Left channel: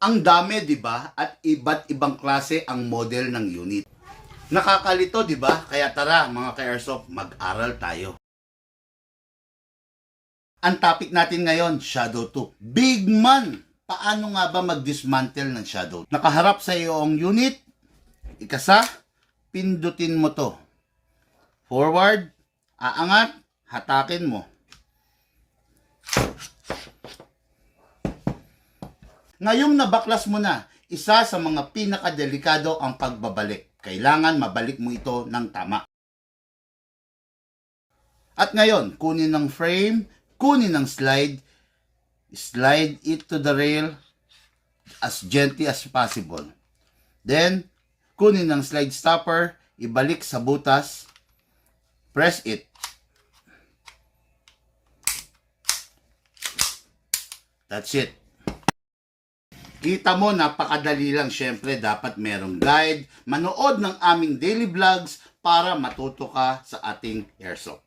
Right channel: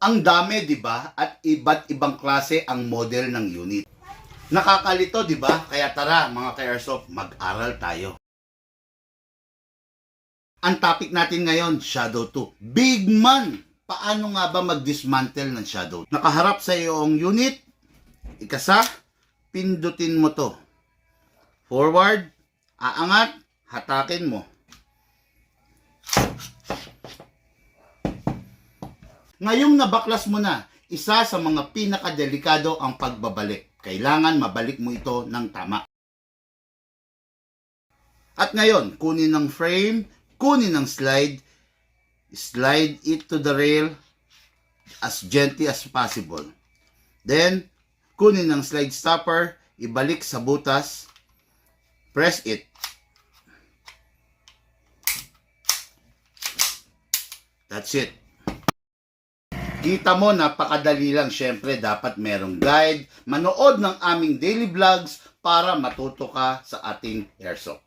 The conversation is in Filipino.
Ang dami, di ba? At iba't ibang klase ang model ng unit. Nakakalito, di ba? Kaya tara, mga ka-airsoft, mag-aral tayo. Ang topic natin ngayon, Shadow 2. Big man! Paano nga ba mag-dismantle ng Shadow 2? Nakaharap sa iyong unit, ikasa, pindutin mo to. Forward, aangat, hatakin mo. Ngayong nabaklas mo na, isa sa mga pinakadelikado ang pagbabalik. Kailangan mabalik mo ito ng tama. At ngayon, kunin ng frame, kunin ng slide it to the rail as gently as possible. Then, kunin ng slide stopper, ibalik sa butas, press it. That's it. Kita mo, napakadali lang. Syempre, dapat merong guide. Manood ng aming daily vlogs para matuto ka sa ating airsoft.